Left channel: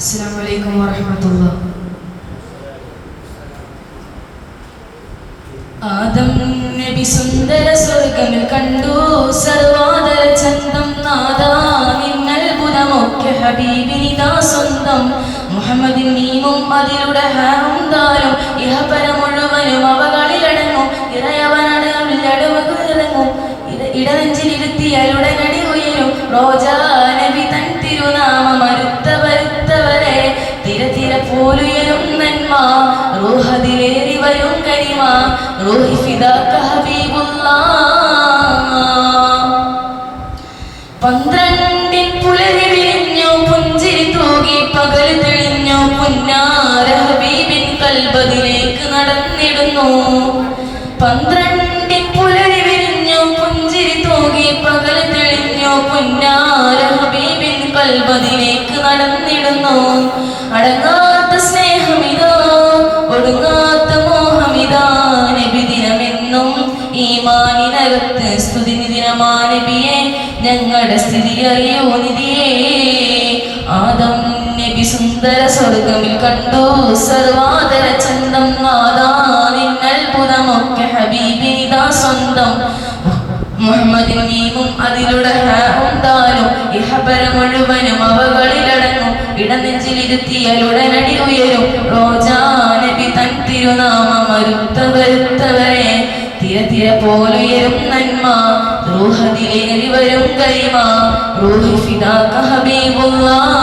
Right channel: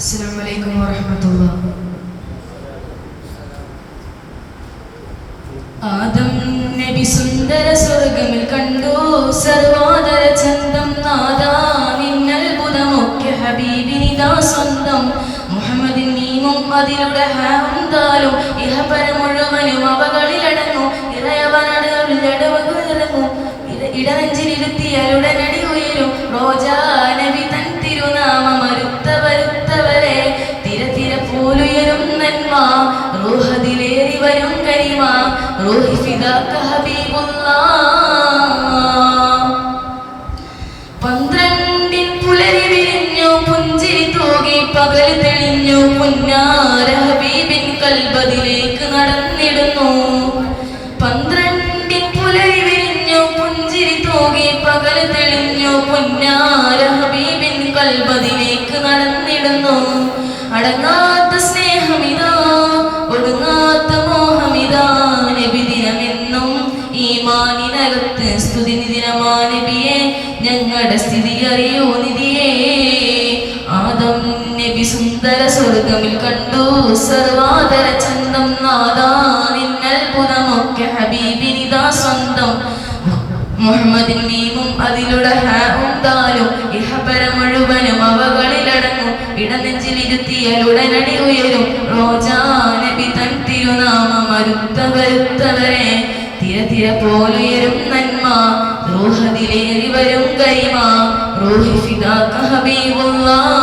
അസ്സലാമു വറഹ്മത്തുള്ളാഹി. ആദം നബി സുന്ദര സ്വർഗമിൽ കണ്ടു സർവാദര ചന്തം നാദാ നിന്നത്ഭുതമൊക്കെ ഹബീബിനിതാ സ്വന്തം മുഹമ്മദിൻ നീമും അതിലൂടെ ഹംദാലും ഇഹപര മുഴുവനും അവകളിലടങ്ങും ഇറയവനടവുകളിറങ്ങും ഇടനെഞ്ചിലിരുത്തിയാലുടനടി ഉയരും റോജാ നബി തൻ തിരുനാമം വരുത്തവരെ തിര പോലുയരും നന്മ റൂഹദിലേറി വരും കരിമ റൂഹി ഫിദാക ഹബീബുല്ലാഹ്. 12 പുലരി വിരിഞ്ഞു പുഞ്ചിരി തൂകി പകൽ തെളിഞ്ഞു പുന്നാര ഹബീബിൻ കൽബദിലേക്ക് നടന്നിടുന്നു. 12 പുലരി വിരിഞ്ഞു പുഞ്ചിരി തൂകി പകൽ തെളിഞ്ഞു പുന്നാര ഹബീബിൻ കൽബദിലേക്ക് നടന്നിടുന്നു. അടങ്ങാത്ത സ്നേഹമിതാ ഒടുങ്ങാത്ത മോഹമിതാ നബി ദിനമെന്നും ഈമാനിനകത്ത് സ്തുതി ദിനമാ നബിയെ ഞങ്ങളുടെ സ്ഥിതി അറിയൂ നിധിയേ. ആദം നബി സുന്ദര സ്വർഗമിൽ കണ്ടു സർവാദര ചന്തം നാദാ നിന്നത്ഭുതമൊക്കെ ഹബീബിനിതാ സ്വന്തം മുഹമ്മദിൻ മീമും അതിലൂടെ ഹംദാലും ഇഹപര മുഴുവനും അവകളിലടങ്ങും ഇടനെഞ്ചിലിരുത്തിയാലുടനടി ഉയരും റോജാ നബി തൻ തിരുനാമം വരുത്തവരെ തിര പോലുയരും നന്മ റൂഹദിലേറി വരും കൈമ റൂഹി ഫിദാക ഹബീബുല്ലാഹ്.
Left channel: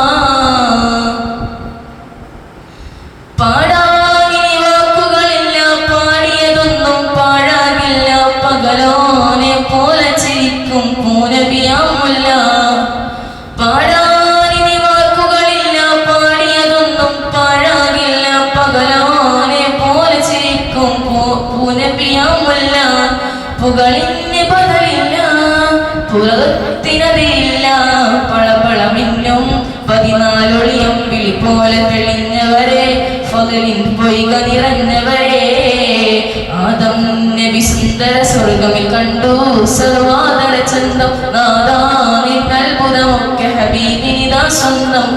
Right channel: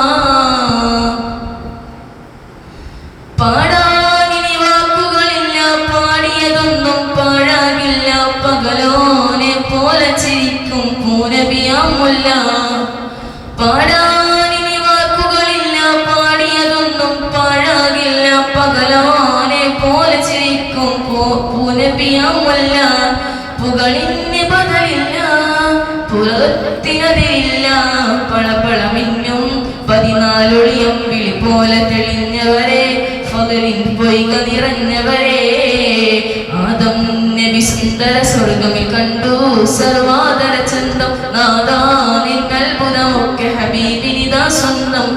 പാടാനിനി വാക്കുകളില്ല പാടിയതൊന്നും പാഴാകില്ല പകലോനെ പോലെ ചിരിക്കും പൂനബിയാമുല്ല. പാടാനിനി വാക്കുകളില്ല പാടിയതൊന്നും പാഴാകില്ല പകലോനെ പോലെ ചിരിക്കും പൂനബിയാമുല്ല. പുകളിന് പകരില്ല പുറത്തിനതില്ല പളപളമിന്നും 14 ഒളിയമ്പിളി പോലെ തെളിഞ്ഞവരെ ഫഗലിൻ പൊയ്ക നിറഞ്ഞവരെ ആദം നബി സുന്ദര സ്വർഗമിൽ കണ്ടു സർവാദര ചന്തം നാദാ നിന്നത്ഭുതമൊക്കെ ഹബീബിനിതാ സ്വന്തം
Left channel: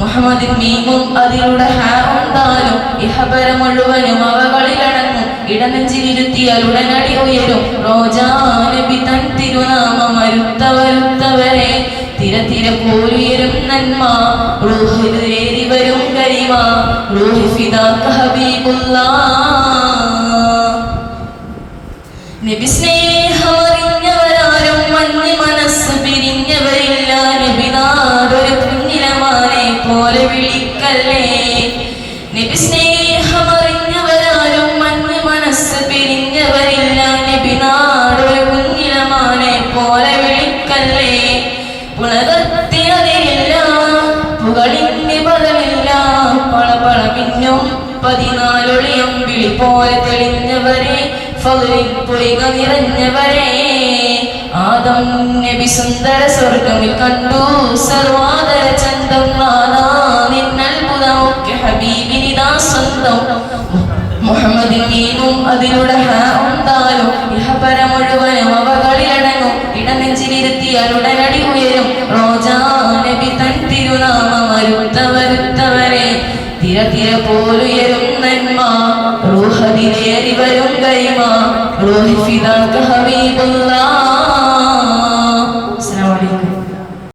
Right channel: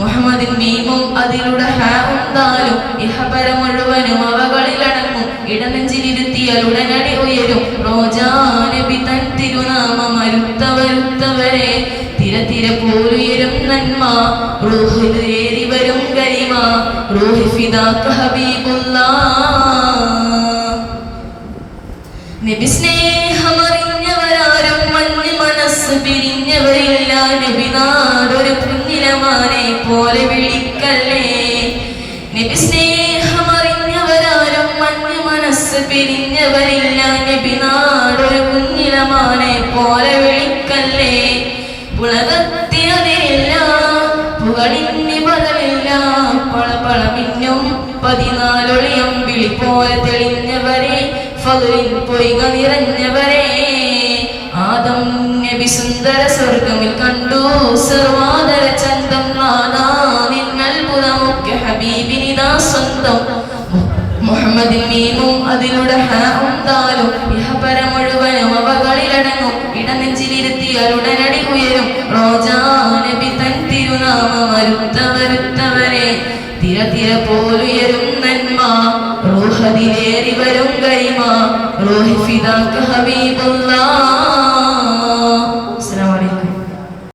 മുഹമ്മദിൻ മീമും അതിലൂടെ ഹംദാലും ഇഹപര മുഴുവനും അവകളിലടങ്ങും ഇടനെഞ്ചിലിരുത്തിയാലുടനടി ഉയരും റോജാ നബി തൻ തിരുനാമം വരുത്തവരെ തിര പോലുയരും നന്മ റൂഹിലേറി വരും കരിമ റൂഹി ഫിദാക ഹബീബുല്ലാഹ്. നബി സ്നേഹമറിഞ്ഞവരാരും മഞ്ഞ് മനസ്സ് പിരിഞ്ഞവരില്ല നബി നാടൊരു പുണ്യമാനെ പോലെ വിളിക്കല്ലേ. നബി സ്നേഹമറിഞ്ഞവരാരും മഞ്ഞ് മനസ്സ് പിരിഞ്ഞവരില്ല നബി നാടൊരു പുണ്യമാനെ പോലെ വിളിക്കല്ലേ. പുളകത്തിനതില്ല പുകളിന് പദമില്ല പളപളമിന്നും 14 ഒളിയമ്പിളി പോലെ തെളിഞ്ഞവരെ ഫളിൽ പൊയ്ക നിറഞ്ഞവരെ ആദം നബി സുന്ദര സ്വർഗമിൽ കണ്ടു സർവാദര ചന്തം നാദാ നിന്നത്ഭുതമൊക്കെ ഹബീബിനിതാ സ്വന്തം മുഹമ്മദിൻ മീമും അതിലൂടെ ഹംദാലും ഇഹപര മുഴുവനും അവകളിലടങ്ങും ഇടനെഞ്ചിലിരുത്തിയാലുടനടി ഉയരും റോജാ നബി തൻ തിരുനാമം വരുത്തവരെ തിര പോലുയരും